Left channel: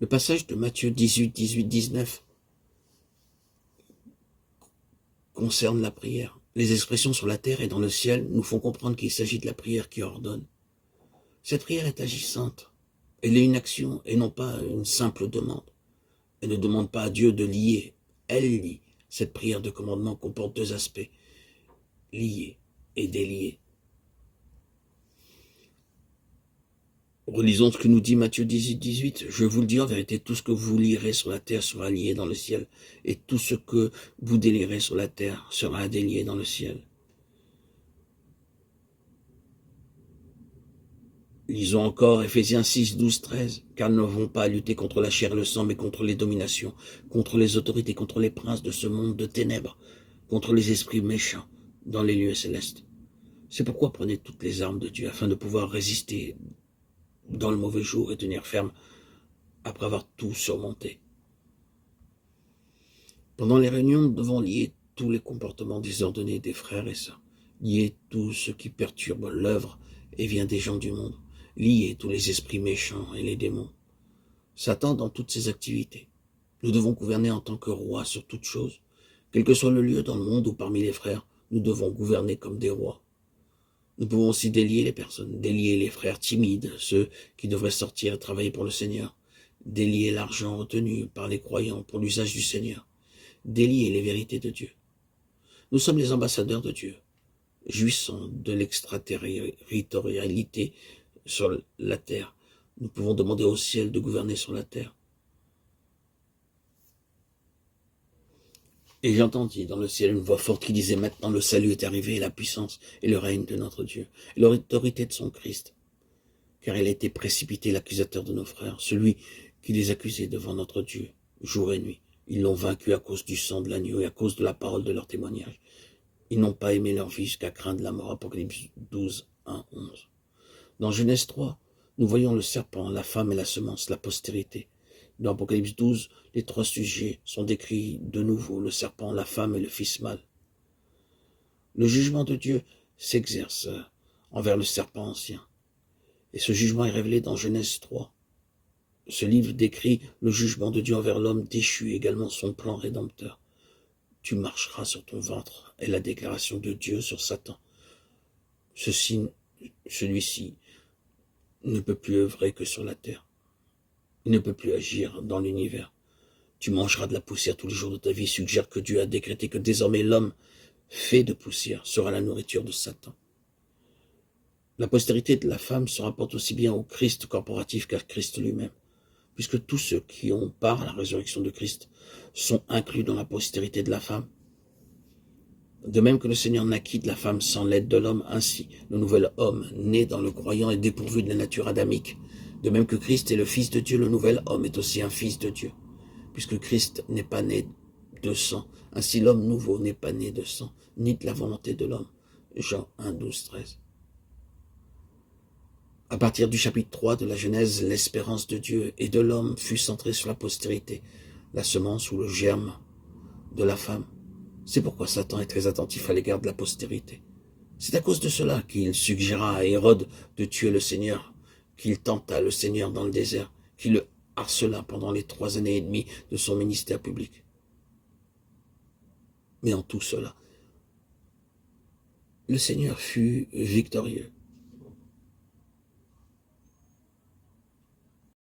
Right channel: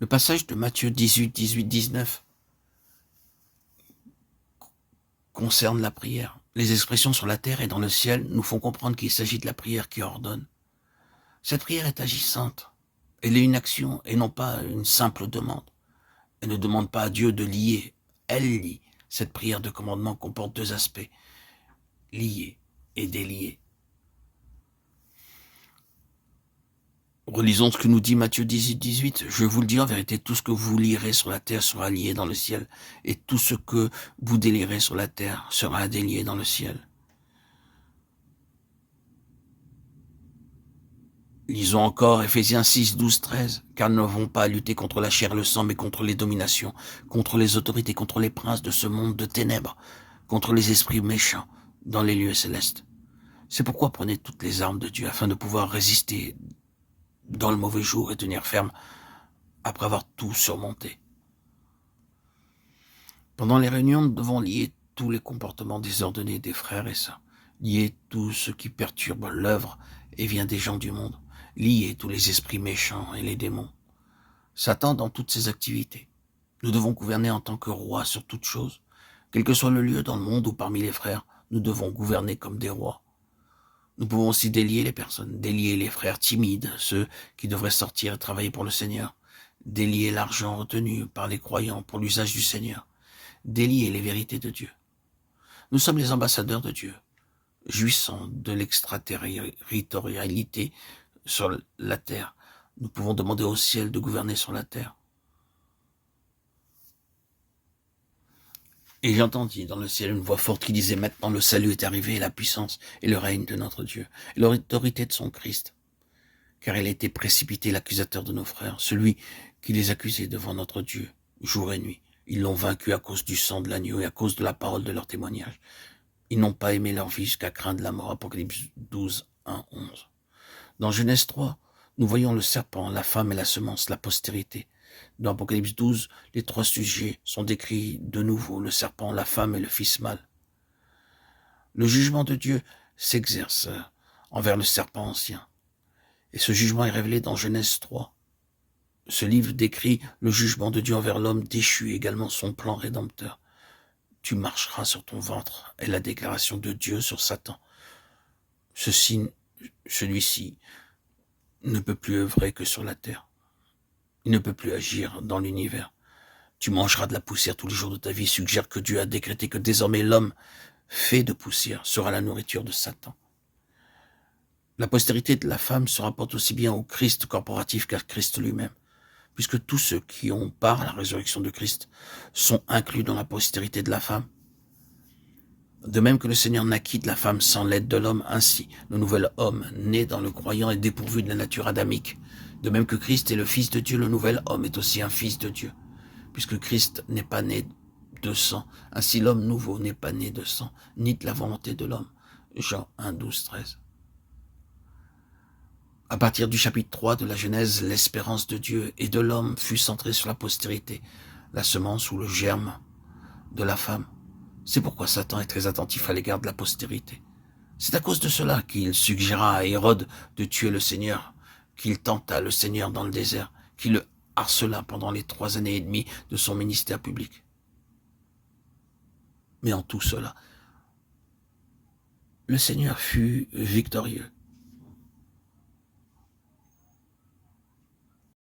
Le passage de Matthieu 18, 18, 19 concerne la prière. Les expressions sur la terre et dans le ciel nous font comprendre qu'il s'agit de la prière qui ordonne. Cette prière est agissante. Elle est une action et non pas une simple demande. Elle ne demande pas à Dieu de lier. Elle lie. Cette prière de commandement comporte deux aspects. Lier et délier. Relisons ce que nous dit Matthieu 18, 18. Je vous le dis en vérité, tout ce que vous lierez sur la terre sera lié dans le ciel, et tout ce que vous délierez sur la terre sera délié dans le ciel. Lisons encore Ephésiens 6, 12, 13. Car nous n'avons pas à lutter contre la chair et le sang, mais contre les dominations, contre les autorités, contre les princes de ce monde de ténèbres, contre les esprits méchants dans les lieux célestes. C'est pourquoi prenez toutes les armes de Dieu afin de pouvoir résister dans le mauvais jour et tenir ferme après avoir tout surmonté. Pendant les réunions, nous devons lier tous les comportements désordonnés des frères et sœurs, lier tout ce qui perturbe l'œuvre et vient des gens du monde, lier tous les esprits méchants et les démons. Satan dans toutes ses activités. Nous devons gouverner en tant que rois sur toute chose. Quel que soit le lieu dans le monde ou parmi les frères, nous devons gouverner comme des rois. Nous pouvons aussi délier les personnes, délier les frères timides, ceux qui devraient sortir et travailler pour le Seigneur, délier l'argent retenu par les croyants pour l'usage du Seigneur, délier les vérités de Dieu. Nous sommes les ambassadeurs de Dieu, jouissant de l'extraterritorialité sur la terre. Nous pouvons demander au ciel de gouverner sur la terre. Et j'entendis dans le ciel une voix forte qui disait « Maintenant le salut est arrivé, et la puissance et le règne de notre Dieu, et l'autorité de son Christ. Car il a été précipité l'accusateur de nos frères, celui qui les accusait devant notre Dieu, jour et nuit. Ils l'ont vaincu à cause du sang de l'agneau et à cause de la parole de leur témoignage. Ils n'ont pas aimé leur vie jusqu'à craindre la mort. » Apocalypse 12, 1, 11. Dans Genèse 3, nous voyons le serpent, la femme et la semence, la postérité. Dans Apocalypse 12, les trois sujets sont décrits de nouveau, le serpent, la femme et le fils mâle. Le jugement de Dieu s'exerce envers le serpent ancien. Et ce jugement est révélé dans Genèse 3. Ce livre décrit le jugement de Dieu envers l'homme déchu, également son plan rédempteur. Tu marcheras sur ton ventre, est la déclaration de Dieu sur Satan. Celui-ci ne peut plus œuvrer que sur la terre. Il ne peut plus agir dans l'univers. Tu mangeras de la poussière tous les jours de ta vie, suggère que Dieu a décrété que désormais l'homme fait de poussière sera la nourriture de Satan. La postérité de la femme se rapporte aussi bien au Christ corporatif qu'à Christ lui-même, puisque tous ceux qui ont part à la résurrection de Christ sont inclus dans la postérité de la femme. De même que le Seigneur naquit de la femme sans l'aide de l'homme, ainsi le nouvel homme, né dans le croyant, est dépourvu de la nature adamique. De même que Christ est le Fils de Dieu, le nouvel homme est aussi un Fils de Dieu, puisque Christ n'est pas né de sang. Ainsi l'homme nouveau n'est pas né de sang, ni de la volonté de l'homme. Jean 1, 12, 13. À partir du chapitre 3 de la Genèse, l'espérance de Dieu et de l'homme fut centrée sur la postérité, la semence ou le germe de la femme. C'est pourquoi Satan est très attentif à l'égard de la postérité. C'est à cause de cela qu'il suggéra à Hérode de tuer le Seigneur, qu'il tenta le Seigneur dans le désert, qu'il le harcela pendant les 3 années et demie de son ministère public. Mais en tout cela, le Seigneur fut victorieux.